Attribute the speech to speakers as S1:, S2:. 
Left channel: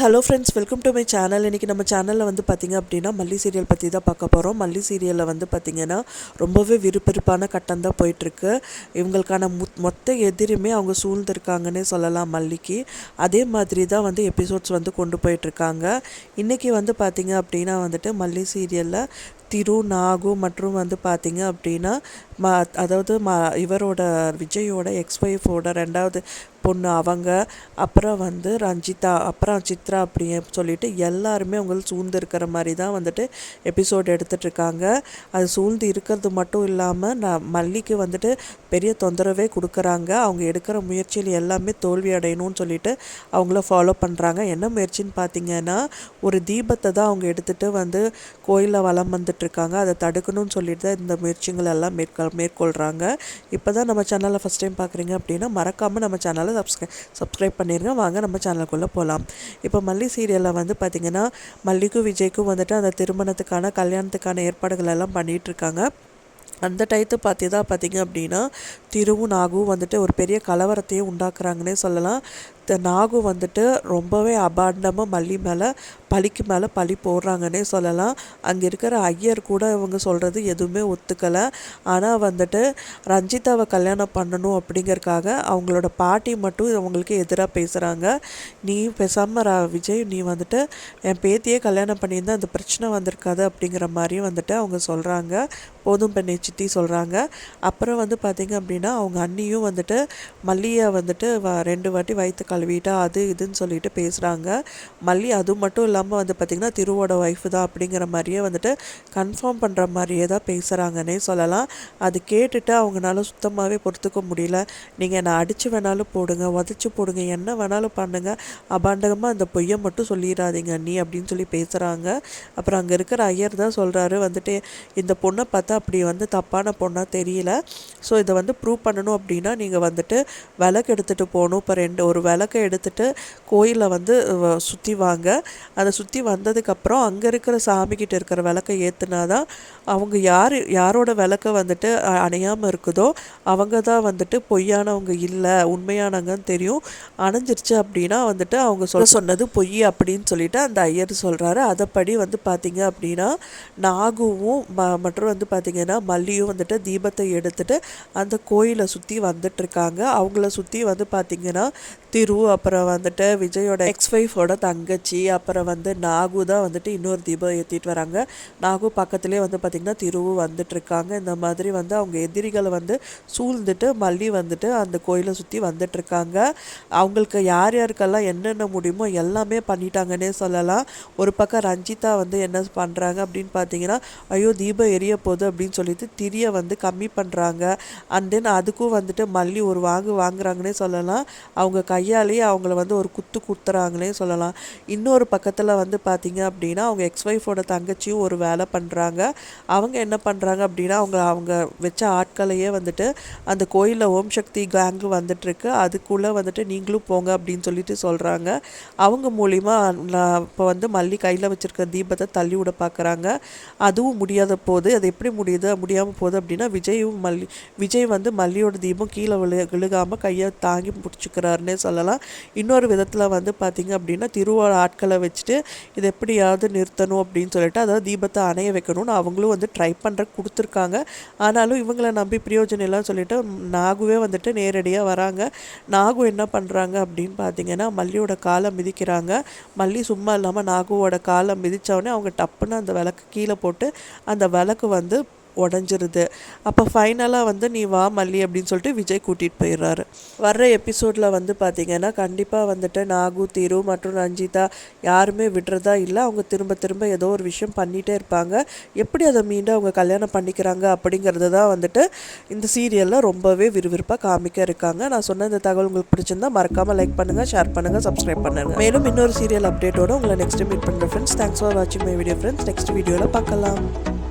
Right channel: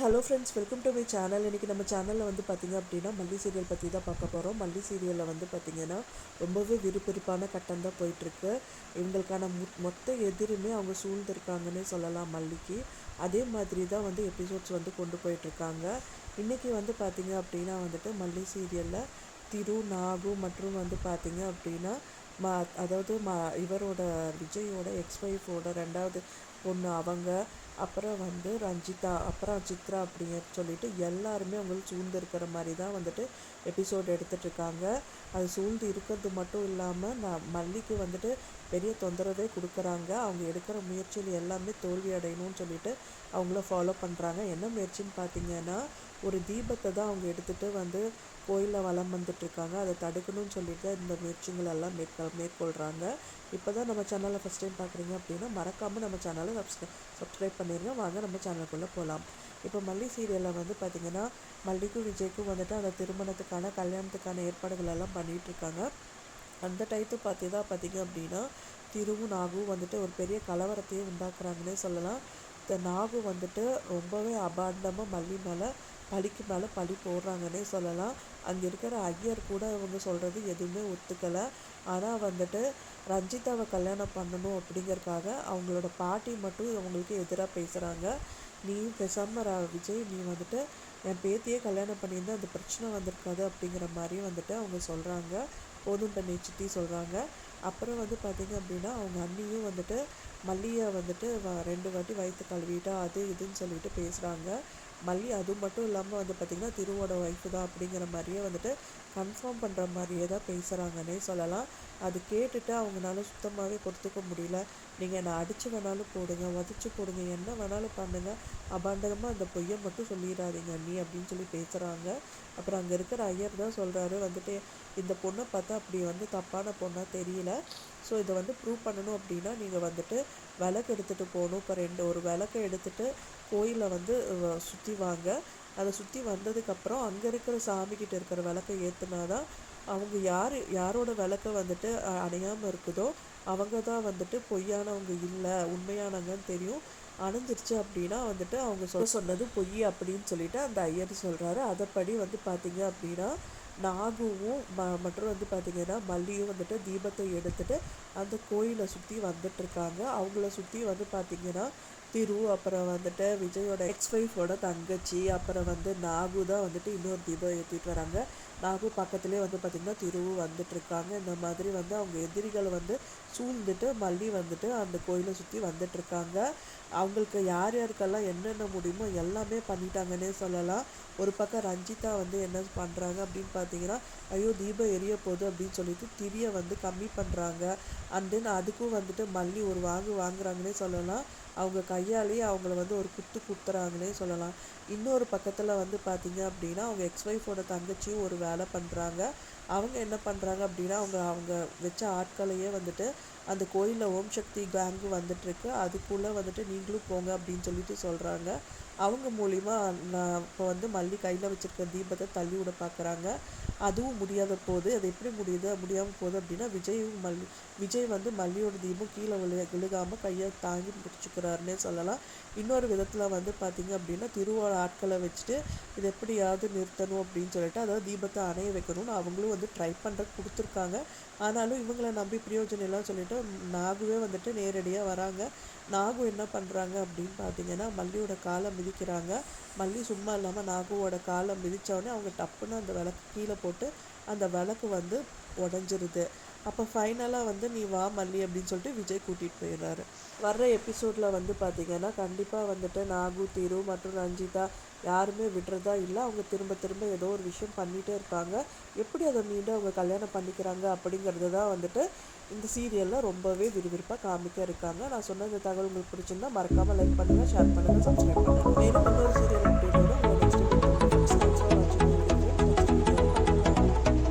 S1: Hello friends welcome to my channel இன்றைக்கி நம்ம சேனலில் வந்து பார்த்திங்க அப்படின்னா மல்லி சீரியல் பற்றி தான் பார்க்க போகிறோம் மல்லி சீரியலில் வந்து பார்த்திங்கன்னா ரொம்பவே விறுவிறுப்பான கட்டம் தான் போயிட்டுருக்கு. இவங்களுக்கான மொத்த எதிரியுமே அவங்க சூழ்ந்திருக்காங்கன்னே சொல்லலாம் மல்லிக்கு. அதே மாதிரி தான் வந்து எபிசோட்ஸ் வந்து கொண்டு போயிட்டுருக்காங்க. இன்றைக்கி வந்து பார்த்திங்க அப்படின்னா வந்துட்டு மல்லி சீரியலில் திரு நாகு மற்றும் வந்து பார்த்திங்க அப்படின்னா ம அதாவது ம இவரோட விஜயோட எக்ஸ் ஒய்ஃபோட ரெண்டாவது பொண்ணு அவங்க அப்புறம் வந்து ரஞ்சிதா அப்புறம் சித்ரா அப்படின்னு சொல்லிட்டு எல்லாருமே அவங்க சூழ்ந்து இருக்கிற மாதிரி தான் வந்துட்டு எபிசோட் எடுத்துட்ருக்காங்க அது சூழ்ந்து இருக்கிறது மட்டும் இல்லாமல் நான் மல்லிக்கு வந்துட்டு பெரிய தொந்தரவே கொடுக்குறாங்க. அவங்க எடுக்கிற முயற்சியில் எல்லாமே தோல்வி அடையணும்னு சொல்லிட்டு அவங்கள ஃபாலோ பண்ணுறாங்க என்ன முயற்சின்னு பார்த்தீங்கன்னா ஒரு தீபத்தை தான் அவங்க எடுத்துகிட்டு வந்து கோயிலில் வளம் வந்துட்டுருக்காங்க அதை தடுக்கணும்னு சொல்லிட்டு தான் இந்த முயற்சிகள் எல்லாம் மேற்கொள்ள மேற்கொள்கிறாங்க இப்போ தான் நம்ம சேனலை ஃபஸ்ட் டைம் பார்க்குறீங்க அப்படின்னா மறக்காமல் நம்ம சேனலை சப்ஸ்கிரை சப்ஸ்கிரைப் பண்ணிடுங்க வாங்க நம்ம சேனலுக்குள்ளே போகலாம் இப்போ மல்லி சீரியலில் வந்து பார்த்திங்கன்னா மல்லிக்கும் விஜய்க்கும் வந்துட்டு அந்த திருமணத்துக்கான கல்யாணத்துக்கான ஏற்பாடுகள் எல்லாம் பண்ணிகிட்ருக்காங்க அந்த டயத்து பார்த்து தான் பார்த்திங்க அப்படின்னா திருவும் நாகும் வந்துட்டு ஒரு பெரிய கலவரத்தையும் உண்டாக்குறாங்கன்னே சொல்லலாம். இந்த நாகு வந்துட்டு ரொம்பவே அபாண்டமாக மல்லி மேலே பழிக்கு மேலே பழி போடுறாங்கன்னே சொல்லலாம். அங்கே இருக்கிற ஐயர் கூட இவங்க சொல்கிறது எதுவுமே ஒத்துக்கலை. ஆனால் வந்துட்டு ரஞ்சிதாவை கல்யாணம் பண்ணணும் அப்படிங்கறக்காக அவங்களோட பாட்டி மட்டும் அவங்களுக்கு எதிராக பேசுகிறாங்க நீ பேசாமல் விஜய் நீ வந்துட்டு என் பேத்தியே கல்யாணம் பண்ணியிருந்தால் அந்த பிரச்சனை வந்திருக்காது அப்படிங்கிற மாதிரியும் வந்துட்டு அவங்க சொல்கிறாங்க போதும் பெண்ணை சித்தி சொல்கிறாங்க அப்புறம் வந்து பார்த்திங்க அப்படின்னா அவங்க அண்ணியும் வந்துட்டு மல்லியை வந்துட்டு வ ரெண்டு வாட்டி வயிற்று கழுவிட்டா அது இதுன்னு சொல்லிட்டு பேசுகிறாங்க மல்லி அது மட்டும் இல்லாமல் வந்து பார்த்திங்கன்னா திருவோட ஒய்ஃப் தான் அப்படிங்கிற மாதிரியே வந்துட்டு கன்ஃபார்ம் பண்ணுற மாதிரியே தான் பேசுகிறாங்கன்னே சொல்லலாம். அது கேட்டுட்டு அவங்களால சுத்தமாகவே பொறுத்துக்க முடியல. நீங்கள் என்னை அடித்து வேணாலும் போடுங்க உதச்சி போடுங்க என்ன வேணாலும் பண்ணுங்கள் அபாண்டகமாக அந்த பொய்யை மட்டும் சொல்லிடாதீங்க நீ அப்படின்னு சொல்லி பேசுகிறாங்க அப்புறம் அங்கே இருக்கிற ஐயர் தான் சொல்கிறாரு வந்துட்டு இந்த பொண்ணை பார்த்தா அப்படி வந்து தப்பான பொண்ணாக தெரியல. ஸோ இதை வந்து ப்ரூவ் பண்ணணும் அப்படின்னா நீங்கள் வந்துட்டு விளக்கு எடுத்துகிட்டு போகணும். இப்போ ரெண்டு ஒரு விளக்கை எடுத்துகிட்டு கோயிலில் வந்து சுற்றி வாங்க. அதை சுற்றி வந்ததுக்கப்புறம் அங்கே இருக்கிற சாமிக்கிட்ட இருக்கிற விளக்கை ஏற்றுனா தான் அவங்க யார் யாரோட விளக்க வந்துட்டு அணையாமல் இருக்குதோ அவங்க தான் வந்துட்டு பொய்யானவங்க இல்லை உண்மையானவங்கன்னு தெரியும். அணைஞ்சிருச்சு அப்படின்னா வந்துட்டு அவங்க சொல்ல சொன்னது பொய் அப்படின்னு சொல்லிட்டு அந்த ஐயர் சொல்கிறாரு அதைப்படி வந்து பார்த்திங்க அப்படின்னா நாகுவும் ம மற்றும் வந்து பார்த்திங்கன்னா மல்லியும் வந்துட்டு தீபத்தை எடுத்துகிட்டு அந்த கோயிலை சுற்றி வந்துட்டுருக்காங்க அவங்கள சுற்றி வந்து பார்த்திங்கன்னா திரு அப்புறம் வந்துட்டு விஜயோட எக்ஸ் ஒய்ஃபோட தங்கச்சி அப்புறம் வந்து நாகு தான் வந்துட்டு இன்னொரு தீபம் ஏற்றிட்டு வராங்க. நாகு பக்கத்துலேயே வந்து பார்த்திங்கன்னா திருவும் வந்துட்டுருக்காங்க இந்த மாதிரி வந்து அவங்க எதிரிகளை வந்து சூழ்ந்துட்டு மல்லி வந்துட்டு அந்த கோயிலை சுற்றி வந்துட்டுருக்காங்க அவங்களுக்கு யார் யாருக்கெல்லாம் என்னென்ன முடியுமோ எல்லாமே பண்ணிட்டாங்கன்னே சொல்லலாம். ஒரு பக்கம் ரஞ்சிதா வந்து என்ன பண்ணுறாங்க அப்படின்னு பார்த்தீங்கன்னா ஐயோ தீபம் எரிய போகுது அப்படின்னு சொல்லிட்டு திரியை வந்து கம்மி பண்ணுறாங்க அண்ட் தென் அதுக்கும் வந்துட்டு மல்லி ஒரு வாங்கு வாங்குறாங்கன்னே சொல்லலாம். அவங்க கையாலேயே அவங்கள வந்து ஒரு குத்து குத்துறாங்களே சொல்லலாம். இன்னொரு பக்கத்தில் வந்து பார்த்தீங்க அப்படின்னா அவங்க எக்ஸ் ஒய்ஃபோட தங்கச்சியும் ஒரு வேலை பண்ணுறாங்க அவங்க என்ன பண்ணுறாங்க அப்படின்னா அவங்க அவங்க வச்ச ஆட்களையே வந்துட்டு அந்த கோயிலில் ஓம் சக்தி கேங்கு வந்துட்டுருக்கு. அதுக்குள்ளே வந்துட்டு நீங்களும் போங்க அப்படின்னு சொல்லிட்டு சொல்கிறாங்க அவங்க மூலிமா இப்போ வந்து மல்லி கையில் வச்சுருக்க தீபத்தை தள்ளி விட பார்க்குறாங்க அதுவும் முடியாத போது அது எப்படி முடியுது முடியாமல் போகுது அப்படின்னா விஜயும் மல்லி விஜய் வந்து மல்லியோட தீபம் கீழே விழு விழுகாமல் கையை தாங்கி பிடிச்சிக்கிறாருன்னே சொல்லலாம். இன்னொரு விதத்தில் வந்து பார்த்திங்க அப்படின்னா திருவாள ஆட்களை வச்சுட்டு இதை எப்படியாவது நிறுத்தணும் அப்படின்னு சொல்லிட்டு அதாவது தீபத்தை அணைய வைக்கணும்னு அவங்களும் வந்து ட்ரை பண்ணுற கொடுத்துருக்காங்க. ஆனாலும் இவங்களை நம்பி பிரயோஜனம் இல்லைன்னு சொல்லிட்டு நாகுவே வந்துட்டு நேரடியாக வராங்க. நாகு என்ன பண்ணுறாங்க அப்படின்னு பார்த்தீங்கன்னா மல்லியோட காலை மிதிக்கிறாங்க. மல்லி சும்மா இல்லாமல் நாகுவோட காலை மிதித்தவொடனே அவங்க டப்புன்னு அந்த விளக்கு கீழே போட்டு அந்த விளக்கு வந்து உடஞ்சிருது. அப்போ ஃபைனலாக வந்து நீ வா மல்லி அப்படின்னு சொல்லிட்டு விஜய் கூட்டிகிட்டு போயிடுறாரு. வர்ற எபிசோடில் வந்து பார்த்திங்கன்னா கண்டிப்பாக வந்துட்டு நாகு திரு மற்றும் ரஞ்சிதா யாருமே விடுறதா இல்லை. அவங்க திரும்ப திரும்ப ஏதோ ஒரு விஷயம் பண்ணிகிட்டே இருப்பாங்க. எப்படி அதை மீண்டும் அவங்க கல்யாணம் பண்ணிக்கிறாங்க அப்படிங்கிறது தான் வந்துட்டு இந்த சீரியலில் ரொம்பவே விறுவிறுப்பாக காமிக்க இருக்காங்க. நான் சொன்ன இந்த தகவல் உங்களுக்கு பிடிச்சிருந்தா மறக்காமல் லைக் பண்ணுங்கள் ஷேர் பண்ணுங்கள் சப்ஸ்கிரைப் பண்ணுங்கள் மேலும் இன்னொரு சீரியல் அப்டேட்டோட உங்களை நெக்ஸ்ட் மீட் பண்ணுறேன் ஃப்ரெண்ட்ஸ் தேங்க்ஸ் ஃபார் வாட்சிங் மை வீடியோ ஃப்ரெண்ட்ஸ் நெக்ஸ்ட் வீடியோவில் பார்க்கலாம்.